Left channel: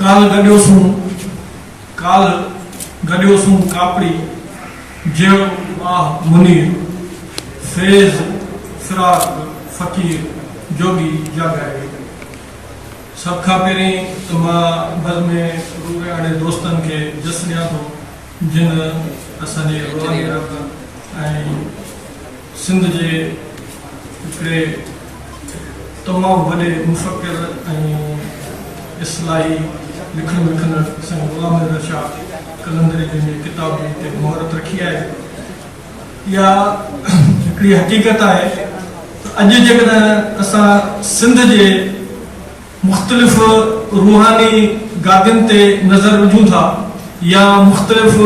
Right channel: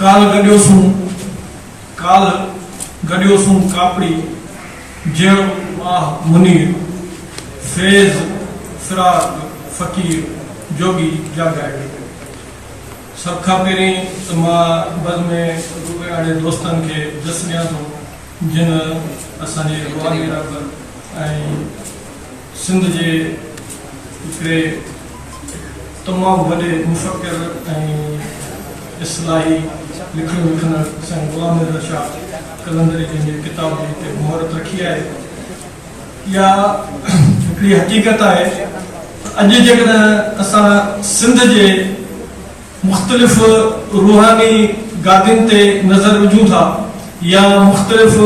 काल गडियोसूं कापड़ी जेड़ो वाह मुनीर फेज फिराक फकीर जोगी जागाए। सब खां पहिरीं त मां बद में रूबे वारे दोस्तनि खे ॾस ॾियां थो जिन असांजे रुहानी रब ऐं सिंध जे हिकिड़े तमामु वॾे मुफ़क्किर ऐं इस्लाही लिखण विखण असांजे ग़ुलाम नज़र शाह कलंदरी जी किताब जी हिते मुहरत रखी आहे। इहा हिकिड़ी हक़ीक़त आहे अॼु जेकॾहिं असां सिंध जे मुख़्तलिफ़ रूहानी गादियुनि ते नज़र विझूं था या मुख़्तलिफ़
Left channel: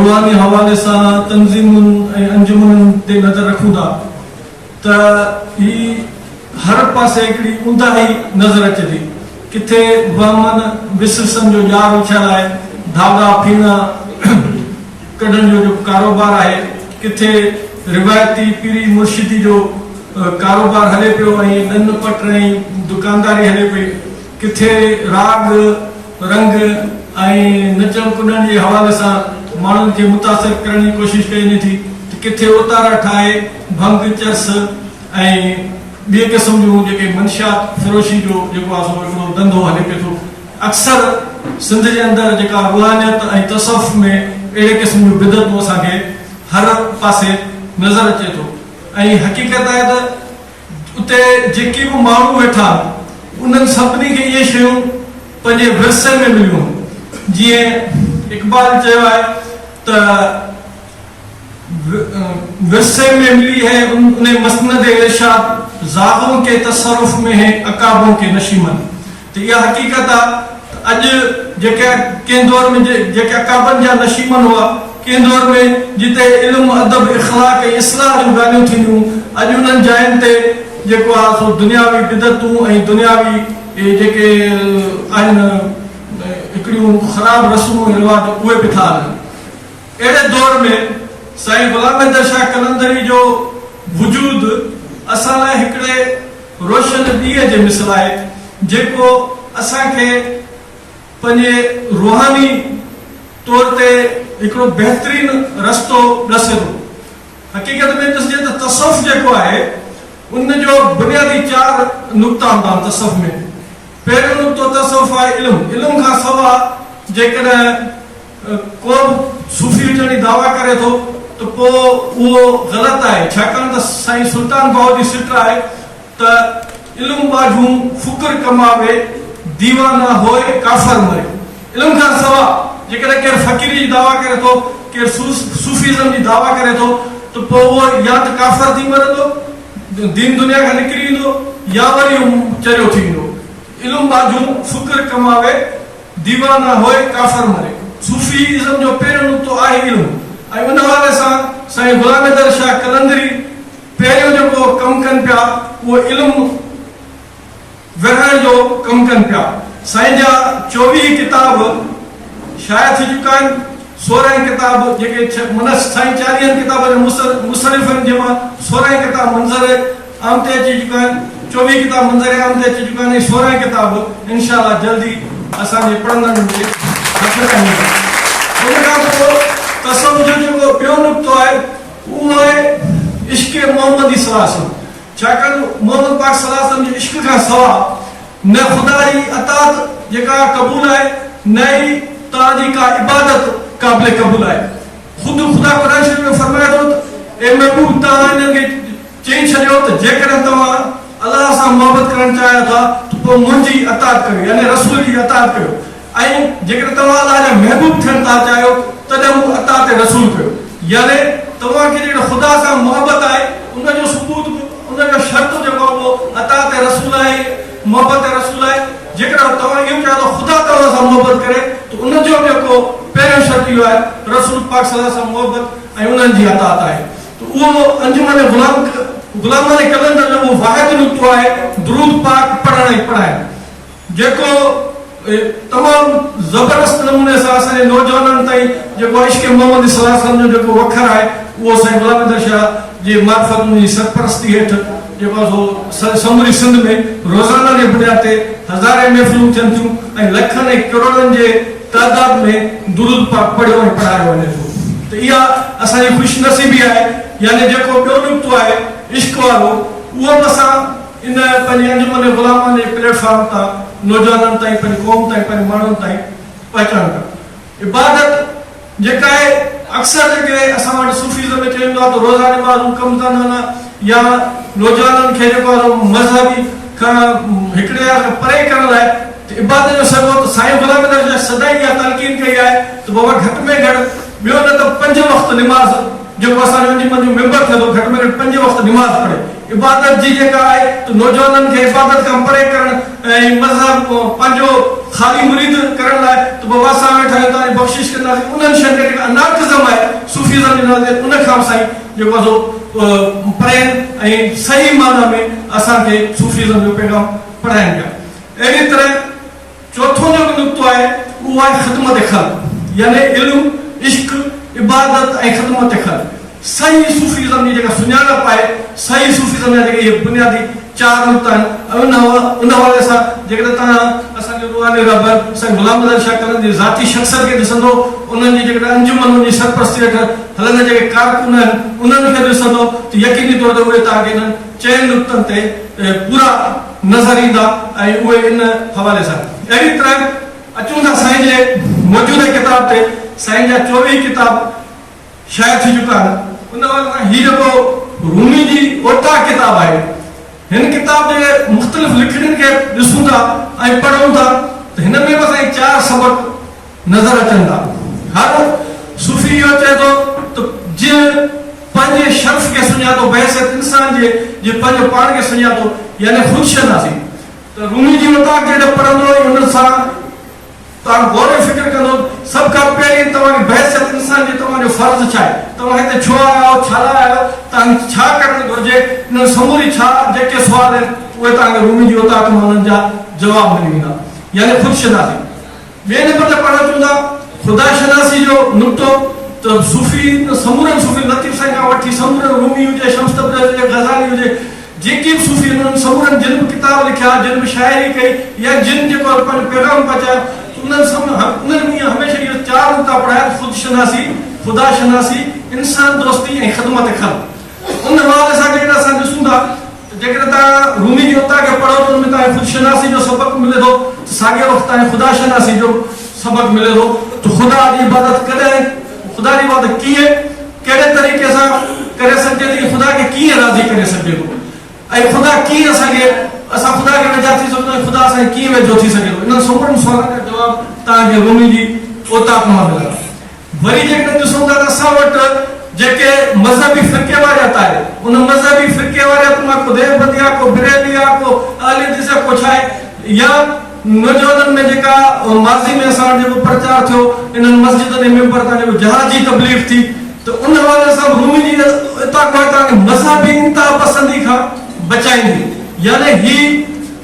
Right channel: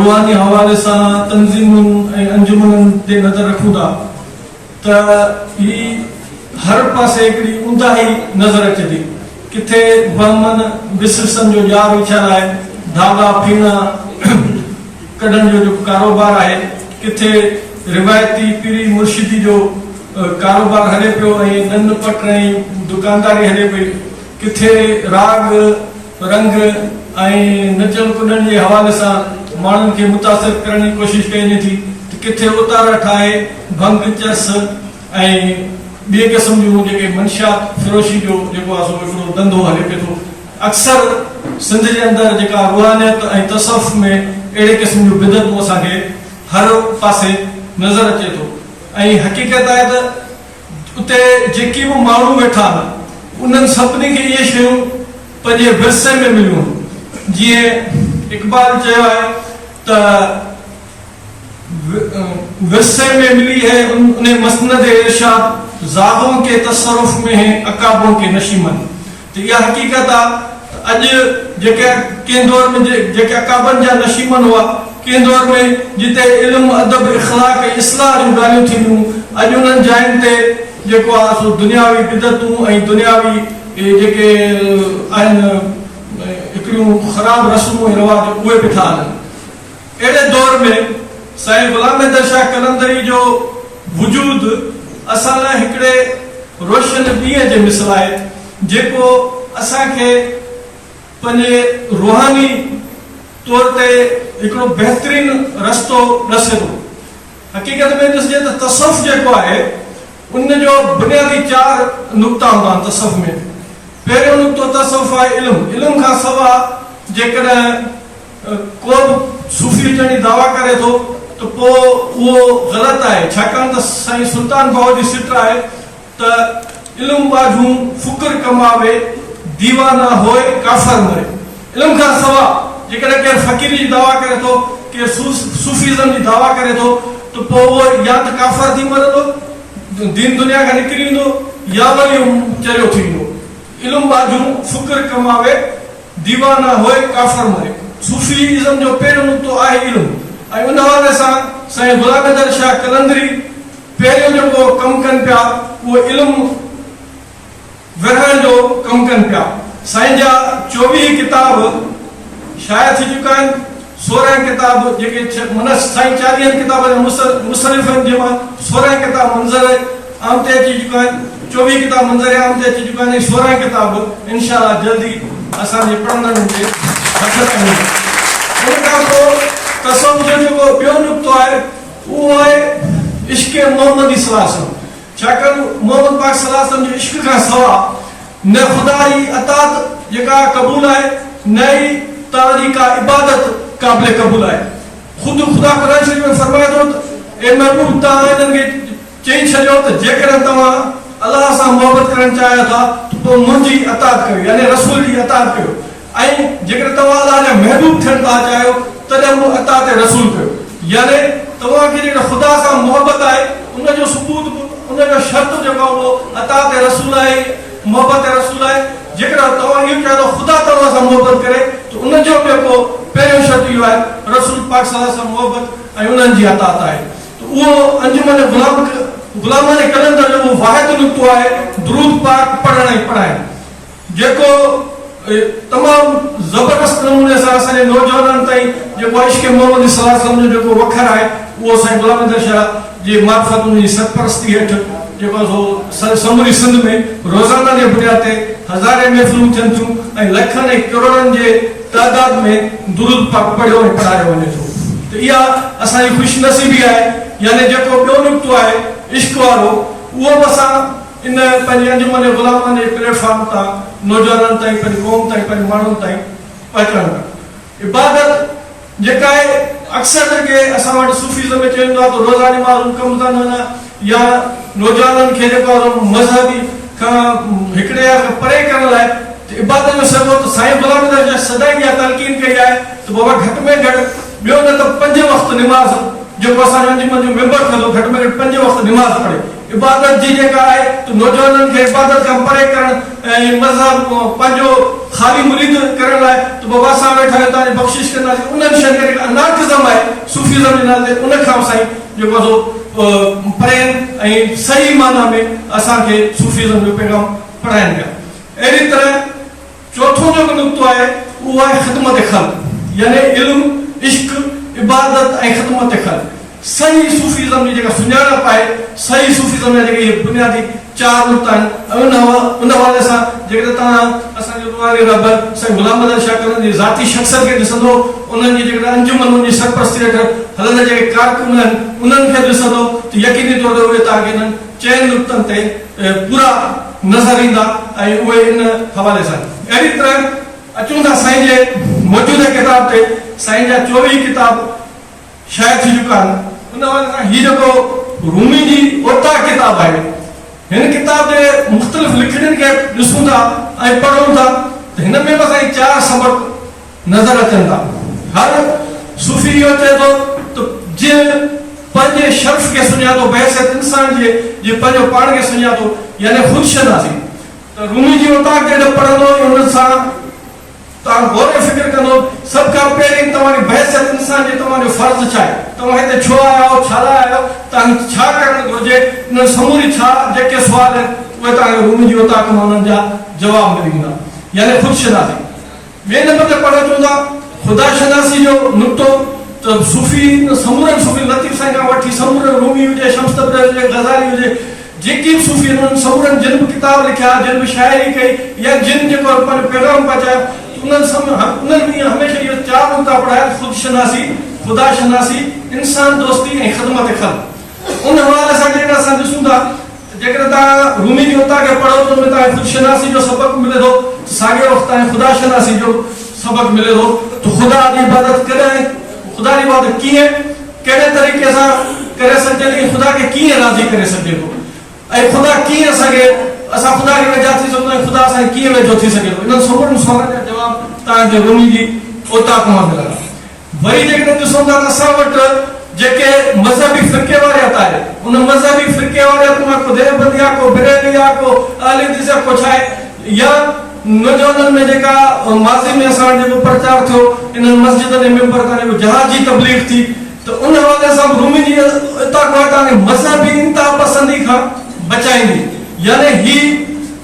रूहानी हवाले सां तंज़ीमुनि ऐं अंजुमननि ते नज़र रखूं था त ही हर पासे हिकिड़ी ऊंदाही नज़र अचे थी। किथे ब्राह्मण विसरसन जो जार विछियल आहे, धागा फीना कढण जो जेको कारोबार आहे, किथे रिवायती पीरी मुर्शिदी जो कारोबार हले पियो ऐं नन पट ऐं दुकानदारी हले पई, किथे राग रंग ऐं नचण कुॾण जे हवाले सां माण्हुनि खे मुतासिर करण जी कोशिश कई थी, किथे उतारा ठाहे भंग चस ऐं ॿिए क़िस्म जूं जेके मंशियात फ़रोशी जो जेको आहे सो हिकिड़ो धंधो हले पियो थो। अक्सर सिंध जे अंदरि जेका रुहानियत ऐं तसव्वुफ़ में अहिड़े क़िस्म जूं बिदतूं असांखे हर पासे नज़र अचे थो ऐं हक़ीक़त आहे त उते जेके बि माण्हू वेठा उन्हनि सभिनी खे इहे शयूं पंहिंजे विरसे में मिलियूं। जीअं इक़बाल चयो आहे त विरसे में मिली है उन्हें मसनद इरशाद ज़ादों के तसरुफ में है अकाबों के नशीमन। तो यह हकीकत आहे अॼु जेके कंहिं दौर में जेके अकाबनि जा नशीमन हुआ, कंहिं दौर में जिते इल्म अदब इख़लाक ऐं इस्लाह जूं ॻाल्हियूं थींदियूं, अॼु उन्हनि जायुनि ते जेको आहे सो दुनियावी बिदतूं ऐं दुनियावी जेके आहिनि हिकिड़ियूं ख़राब रस्मूं ऐं रिवाज उहे बि था हलनि। अहिड़े दौर में साईं ग़ुलाम हैदर शाह कलंदरी जो वजूद असां लाइ हिकिड़े रोशन ॾींहं जे मिसल आहे जेको असांखे पंहिंजे रूहानी तौर ते हिकिड़ो बहितरीन रस्तो ॾसे थो। हक़ीक़त में ॾिसजे त तसव्वुफ़ जेको आहे उन जो बुनियादी 4 नुक़्ता हूंदा आहिनि तसव्वुफ़ में। पहिरियों नुक़्तो तसव्वुफ़ आहे इल्म खां सवाइ जेकॾहिं को सूफ़ी हुजण जी दावा करे थो तो उहो ग़लति आहे, छाकाणि त साईं सुल्तान भाऊ जी सिट आहे त इल्म बाजूं फुकर कमावे दीवाना होए काफ़र मरे। इल्म खां सवाइ जेकॾहिं केरु फ़क़ीरी जी दावा करे थो, केरु सूफ़ीज़म जी दावा करे थो त पोइ उहो या त काफ़र थी मरे थो, दीन दुनिया खां निकिरी वेंदो, या वरी चरियो थी वेंदो। इल्म बाजूं फुकर कमावे दीवाना होए काफ़र मरे। सूफ़ीज़म जो पहिरियों नुक़्तो आहे इल्म ऐं उन हवाले सां साईं ग़ुलाम हैदर शाह कलंदरी पहिरियों जेको कमु कनि पिया उहो इल्मु विरहण जो कमु कनि पिया। साईं जा 24 किताब शाया थी चुका आहिनि, 16 किताब जेके साईं 40 किताब मुसनिफ़नि जे मां 16 किताब मंज़र आम ते अची चुका आहिनि, 24 किताब मंज़र आम ते अची चुका आहिनि, 16 किताब इंशाअल्लाह जल्दी असांजे पढ़ंदड़नि खे हथ कंदा। उन खां पोइ तसव्वुफ़ जो जेको ॿियो नुक़्तो आहे उहो आहे इश्क़ मोहम्मदी सल्लल्लाहु अलैहि वसल्लम। छाकाणि मोहम्मद पाक सल्लल्लाहु अलैहि वसल्लम जे इश्क़ खां सवाइ न ख़ुदा जी अतात जेका क़बूल आहे न ई तव्हांजी का इबादत क़ाबिल क़बूल आहे। ख़ुदि ख़ुदा क़ुरान शरीफ़ में फरमाए थो त ए महबूब तव्हां हिननि खे चई छॾियो त जेकॾहिं तव्हां अलाह सां मोहबत करणु चाहियो था त पोइ मुंहिंजी अतात कयो, यानी रसूल जी अतात कयो, ऐं जेकॾहिं तव्हां अलाह जा महबूब थियणु था चाहियो तॾहिं उहो अतात रसूल कयो। यानी तव्हांखे जेकॾहिं ख़ुदा सां मोहबत आहे उनजो सबूत उनजो शर्त जेको आहे उहो अतात रसूल आहे, मोहबत रसूल आहे। जेकॾहिं तव्हां इहो चाहियो त ख़ुदा तव्हां सां मोहबत करे त उनजो जेको पहिरियों शर्त इहो आहे रसूल पाक सल्लल्लाहु अलैहि वसल्लम सां मोहबत ऐं उन्हनि जी अतात आहे। त उहो अंजुमन ग़ुलाम कलंदर जो वाहिद नुक़्तो आहे दुरूद पाक पढ़ण ऐं पढ़ाइण, जेको तमामु ज़बरदस्त नमूने सां असांजे नौजवाननि ताईं जेको इश्क़ मोहम्मद सल्लल्लाहु अलैहि वसल्लम जो जेको वखर आहे उहो साईं ग़ुलाम हैदर शाह जे मार्फत उनजी सरपरस्ती हेठि जेको समूरी सिंध में रोज़ाना जे बुनियाद ते हज़ारे महफ़िलूं थियनि थियूं ऐं लखनि ऐं करोड़नि जे तादाद में दुरूद पाक पढ़ियो ऐं पढ़ायो वञे थो। त इहा असांजी ख़ुशनसीबी आहे। यानी जेको ॿियो नुक़्तो आहे इश्क वारो, उहो बि असां इन पंहिंजे अंजुमन ग़ुलामन जे प्लेटफॉर्म तां नौजवाननि ताईं, पंहिंजी क़ौम ताईं, पंहिंजे माण्हुनि ताईं पहुचाइण था। इबादत जेका आहे अक्सर जेके असां वटि सूफ़ीज़म में चवंदो आहे त रोज़ाने वारूं कमु कंदा या नौजवाननि खे जेको आहे मज़हबी खां हिकिड़े खां परे करण लाइ इबादत में सघो त साईं ग़ुलाम अहमद सदाई इहा तलक़ीन कई आहे त बाबा घटि में घटि ॿियो न त 5 वक़्त निमाज़ जेको असां अंजुमन जो मेंबर कंदो घटि में घटि 5 वक़्त निमाज़ पढ़े। इबादत जी जेका आहे त नौजवाननि खे इबादत खां परे करण ऐं मज़हब पंहिंजो ख़ाली मुरीद करण लाइ त बाबा असां वेठा आहियूं तव्हांजी बख़्शिश कंदासीं। उन्हनि शयुनि खे अनार्किज़म आहे सूफ़ीज़म जे नाले ते उन खां साईं जेको आहे परे ऐं सही माना में असांखे सूफ़ीज़म जो पैगाम पढ़ाइनि पिया। अहिड़ी तरह चौथों जेको नुक़्तो आहे उहो आहे ख़िदमत ख़ल्क़, यानी इल्म, इश्क, इबादत ऐं ख़िदमत ख़ल्क़। सही सूफ़ीज़म जी जेका सुञाणप आहे, सही सूफ़ीज़म जा जेके इहे बुनियादी 4 नुक़्ता आहिनि, उन हवाले सां जेकॾहिं तव्हां असांजो रूहानी रहबर साईं ग़ुलाम अहमद शाह कलंदर जी ज़ाती शख़्सियत खे ॾिसंदो, उन्हनि जी जेकॾहिं अंजुमन जी सरपरस्ती हेठि हलंदड़ जेके कारकुन आहिनि उन्हनि खे ॾिसंदो त यकीनी तौर ते उहे तव्हांखे इन्हनि 4 नुक़्तनि ते पूरा नज़र ईंदा ऐं उहे इन हवाले सां। अहिड़ी तरह अचूं था साईं जे मौजूदा किताब ते। साईं जा 24 किताब शाया थी चुका आहिनि। उन हवाले सां हीउ जेको रूमी जी ओता किताब आहे, हिन किताब जे मुख़्तलिफ़ लिखणनि खे ॾिसूं था ऐं पढ़ूं था त हिन में बि असांखे 4 सबक नज़र अचनि था। हर सूफ़ी इहो चए थो त जीअं पंहिंजे शर्फ़ खे सुञातो, बहसियत इंसान जे पंहिंजो पाण खे सुञातो, यानी ख़ुदशनासी। त रूमी जी ओता खे पढ़ंदो हुन सां तव्हां गौर फिक्र कंदो। सभ खां पहिरीं तव्हांजी बहसियत इंसान जे तव्हांजो फ़र्ज़ु छा आहे, तव्हां हिते छो आया आहियो, छा लाइ आया आहियो, तव्हां छा करणु घुरिजे, इन समूरी छा जेके सुवाल आहिनि उहे तव्हांखे रूमी जी ओता खां उन्हनि जा जवाब मिली वेंदा, यानी ख़ुदशनासी। ॿिए नंबर ते पढ़ण अचूं था ख़ुदाशनासी जो नुक़्तो। त सूफ़ी समूरनि सूफ़ी लतीफ़ साईं खां वठी समूरनि रूमी हुजे, शम्स तबरेज़ हुजे, ग़ज़ाली हुजे, जेके बि सूफ़ी उन्हनि समूरनि जिन बि किताब लिखिया, जिन बि शाइरी कई या जिन जेको पंहिंजो पैगाम पहुचायो, उन्हनि हमेशह इहे 4 नुक़्ता पढ़ाया: ख़ुदशनासी, ख़ुदाशनासी, इंसान दोस्ती ऐं ख़िदमत ख़ल्क़। उन हवाले सां जेकॾहिं असां ॾिसूं था जेकॾहिं तव्हां रूमी जी ओता खे पढ़ो त उनमें तव्हांखे ख़ुदशनासी जो सबक़ मिले थो, साॻिए वक़्तु तव्हांखे ख़ुदाशनासी जो सबक़ मिले थो त ख़ुदा जी इबादत कॾहिं, ख़ुदा जी इबादत कीअं, कहिड़े तरीक़े सां करे सघिजे थी, ख़ुदा खे कीअं राज़ी करे सघिजे थो, ऐं ख़ुदा कीअं असां ख़ुदा खे वेझा थी सघूं ऐं ख़ुदा असांखे कीअं वेझो थी सघे थो। इन्हनि समूरनि सुवालनि जा जवाब तव्हांखे रूमी जी ओता खां मिलंदा। वरी जेकॾहिं ॾिसूं था त असां वटि जेके मज़हबी फ़िरक़े वारियत आहे, उन मज़हबी फ़िरक़े वारियत मां को देवबंदी आहे, को बिरेली आहे, को अहले हदीस आहे, को छा आहे, या नौजवाननि में जेका माज़ी में असां वटि जेको प्रचार थियो इन्हनि मस्जिदनि जे मेंबर तां जेको जहाद जी तबलीग थी, त उन हवाले सां रूमी जी ओता खां तव्हांखे मज़हबी इंतहा पसंदी खां बचाईंदी, यानी ही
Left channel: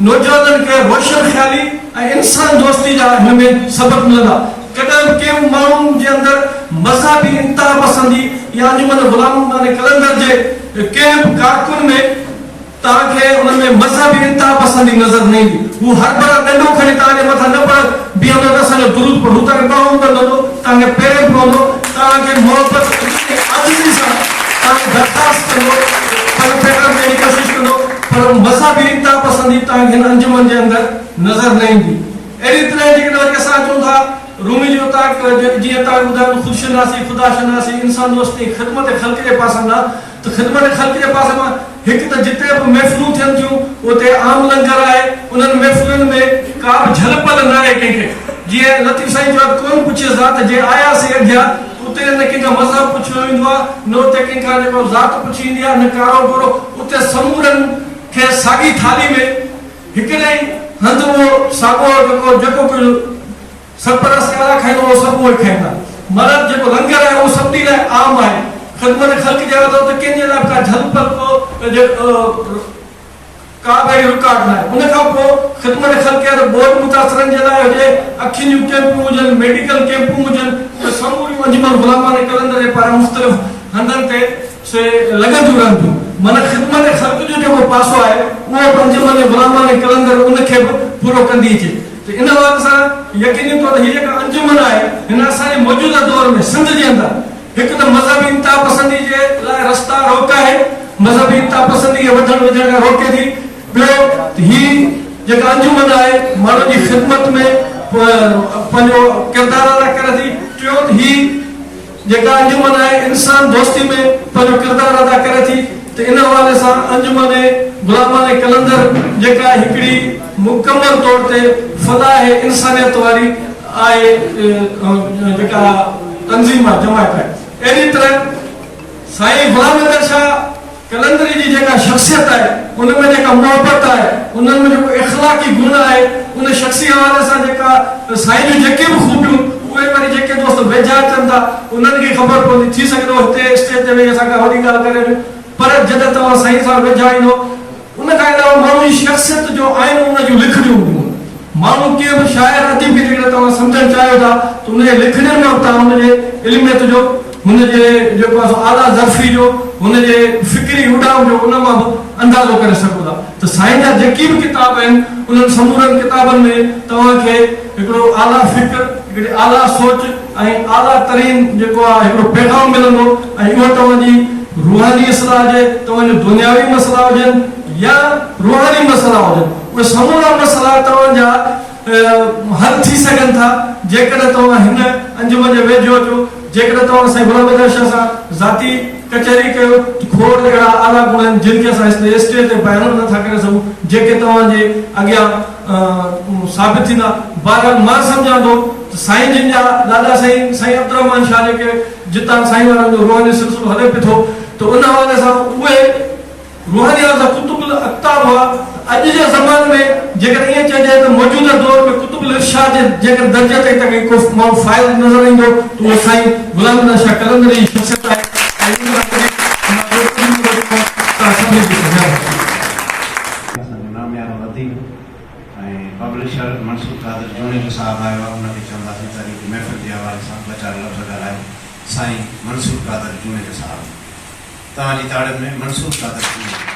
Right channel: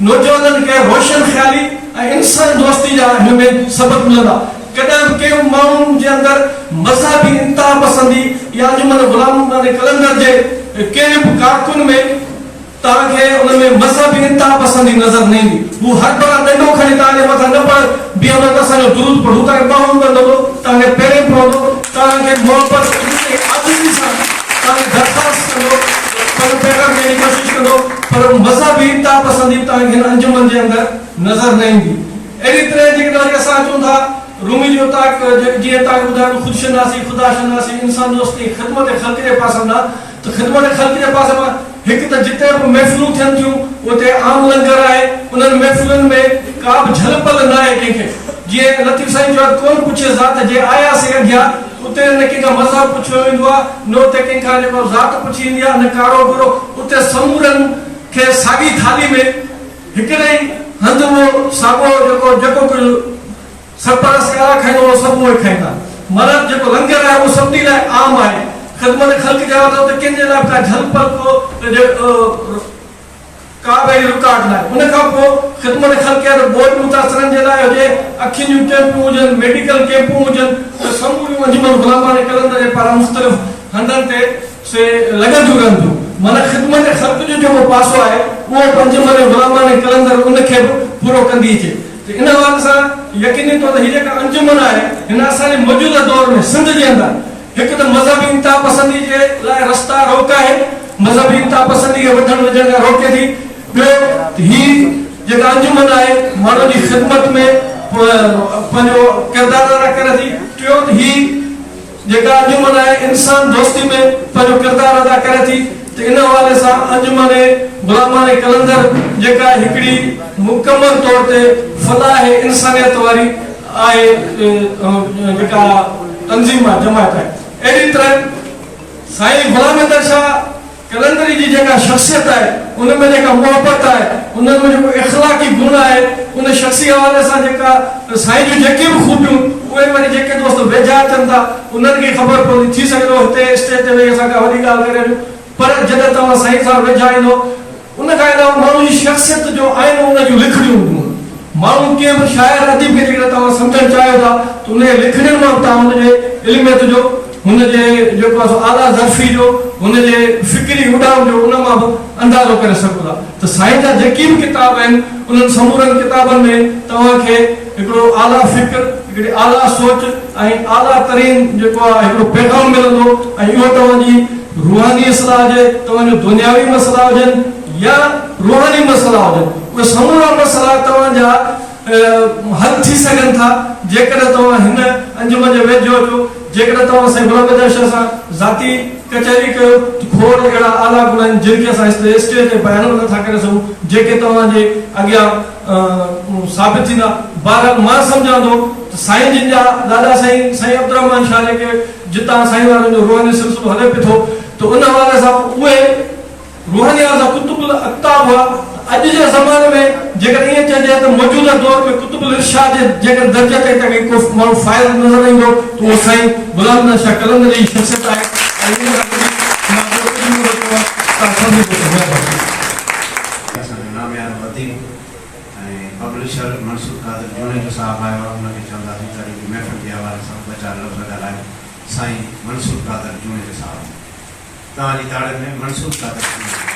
नौजवाननि खे रोशन ख़्याली ऐं इंसान दोस्ती जा हिन में सबक मिलंदा। कॾहिं कंहिं माण्हुनि जे अंदरि मज़हबी इंतहा पसंदी या अंजुमन ग़ुलाम अहमद कलंदर जे कंहिं बि कारकुन में तव्हांखे उन में मज़हबी इंतहा पसंदी नज़र न ईंदी। हू हर बड़ा ॾंडो खणी तव्हांजे मथां न पढ़ बीहंदो त असांजो दुरूद पढ़ूं, तव्हांखे ॿाहूं कंदो, तव्हांखे पेरे पवंदो, तव्हांखे मोहबत आज़िज़ी सां तव्हांखे दरख़्वास्त कंदो, पंहिंजो पैगाम ॾियण जी कोशिशि कंदो, पर मज़हबी इंतहा पसंदी तव्हांखे हिन अंजुमन जे अंदरि नज़र न ईंदी। अहिड़ी तरह जेकॾहिं असां अचूं था रूमी जो जीअं तव्हांखे ॿुधायो ख़ुदशनासी, ख़ुदाशनासी, इंसान दोस्ती, ख़िदमत ख़ल्क़ जे पासे मां, त ख़िदमत ख़ल्क़ जे पासे मां हिकु त जिते बि महफ़िलूं थियनि थियूं उते आम लंगर आहे, उन्हनि महफ़िलुनि में का बि झलपल न आहे कंहिंखे। जीअं लतीफ़ साईं जो कोन पुछे ज़ात जे आयासीं अॻियां, उते न कंहिंखां मज़हब पुछियो वेंदो आहे, न उते कंहिंखां जेको ज़ात पुछी ईंदी आहे, न कारो बुरो। उते समूरनि खे साॻी थाली में हिकिड़े ई हंधि उहो साॻियो जेको सरपरस्त खाईंदो उहो सभु उहे खाईंदा। मर्द जेको लंगर आहे उहो सभिनी लाइ आम आहे। ख़िदमत ख़ल्क़ जे वक़्तु त कंहिंजे लाइ का झलपल को का बि रुकावट न आहे। उन खां पोइ ख़िदमत ख़ल्क़ जे बोर्ड मुतासिरनि जे लाइ हुजे, अखियुनि जूं कैंपूं हुजनि, मेडिकल कैंपूं हुजनि, समूरियूं अंजुमन ग़ुलाम अहमद कलंदर जे पारां मुख़्तलिफ़ हंधनि ते से लॻंदियूं रहंदियूं। माना ख़िदमत ख़ल्क़ जो जेको पासो आहे उहो पंजमन गुलामान कलंदर उनखे बि पूरो कंदी अचे। इन हवाले सां यकीनी तौर हीअ जेका अंजुमन आहे हिन असांजे मौजूदा दौर में सिंध जे अंदरि हिकु त मज़हबी इंतहा पसंदी जे लाइ रस्ता रोकाए, मज़हबी इंतहा पसंदी खे वधण वधण खां रोके थी। ॿियो ही जेका अंजुमन आहे माण्हुनि जी ख़िदमत में पंहिंजो किरदारु अदा करे थी। टियों ही जेका अंजुमन आहे इंसान दोस्ती में पंहिंजो किरदारु अदा करे थी। त इन हवाले सां अंजुमन गुलामान कलंदर जेका हिकिड़ी मुकमल तौर ते फलाह इंसानियत वारी आहे जेका तंज़ीम आहे, जमात आहे। अहिड़ी तरह साईं गुलाम अहमद शाह कलंदरी जी जेका शख़्सियत आहे उनमें जेका मोहबत आहे, उनमें जेको इख़लाक़ी गुण आहे, उन शख़्सी हवाले सां जेका साईं जूं जेके बि खूबियूं उहे माने जेके दोस्त वेझा अचनि था उन्हनि खे ख़बर पवंदी। थी सघे थो हिते स्टेज ते वेही असां का वॾी ॻाल्हि करे ॾियूं, पर जॾहिं तव्हां साईं सां वेझा ईंदो उन खां अलावा माण्हू जी शख़्सियत जो आहिनि उन जूं लिखड़ियूं हूंदियूं। माण्हू कीअं बि शाइर अदीब खे जेकॾहिं तव्हां सम्झणु चाहियो था त उन जे लिखड़ियुनि मां तव्हां हुनजे इल्मियत जो, हुनजे जेको आहे आला ज़र्फ़ी जो, हुनजे फिक्री उॾाम जो उन मां बि अंदाज़ो करे सघो था। त साईं जा जेके बि किताब आहिनि उन्हनि समूरनि किताबनि में तव्हांखे हिकिड़ो आला फ़िक्र, हिकिड़ी आला सोच ऐं आला तरीन जेको आहे हिकिड़ो पैगाम मिलंदो। ऐं इहो तव्हांजी रूहानी इस्लाह हुजे, तव्हांजो दुनियावी मसइला हुजनि या रूहानी मसइला हुजनि, उहे समूरा मसइला तव्हांजा हल थी सघनि था जेकॾहिं तव्हां हिन अंजुमन जे वेझो अचो। जेकॾहिं तव्हां साईं गुलाम अहमद शाह सां ज़ाती कचहरी कयो, खोड़ अहिड़ा आला गुण आहिनि जिन खे असां स्टेज ते बयानु नथा करे सघूं, जेके तव्हांजे अॻियां साबित थींदा। बहरहाल मां सम्झां थो साईं जिन जा दादा साईं साईं अब्दुर्रहमान शाह जेके जितां साईं वारनि जो रूहानी सिलसिलो हले पियो थो, त उन हवाले सां उहे रूहानी जा कुतुबुल अक़ताब हुआ। अॼु जे ज़माने में जेकर ईअं चइजे त मौजूदा दौर में कुतुबुल इरशाद जे जेकर दर्जे ते को माण्हू फ़ाइल नज़र ईंदो त उहो साईं गुलाम अहमद शाह कलंदरी जी शख़्सियत आहे। पब्लिशर मंसूर कादर जोनी जो साहब आयो आहे, उनखे चवंदासीं त महफ़िल जे हवाले सां ॿ चारि लफ़्ज़ ॻाल्हाए। साईं मंसूर कादर जोनी जो साहब, तव्हांजी ताड़ियुनि में मंसूर कादर जोनी।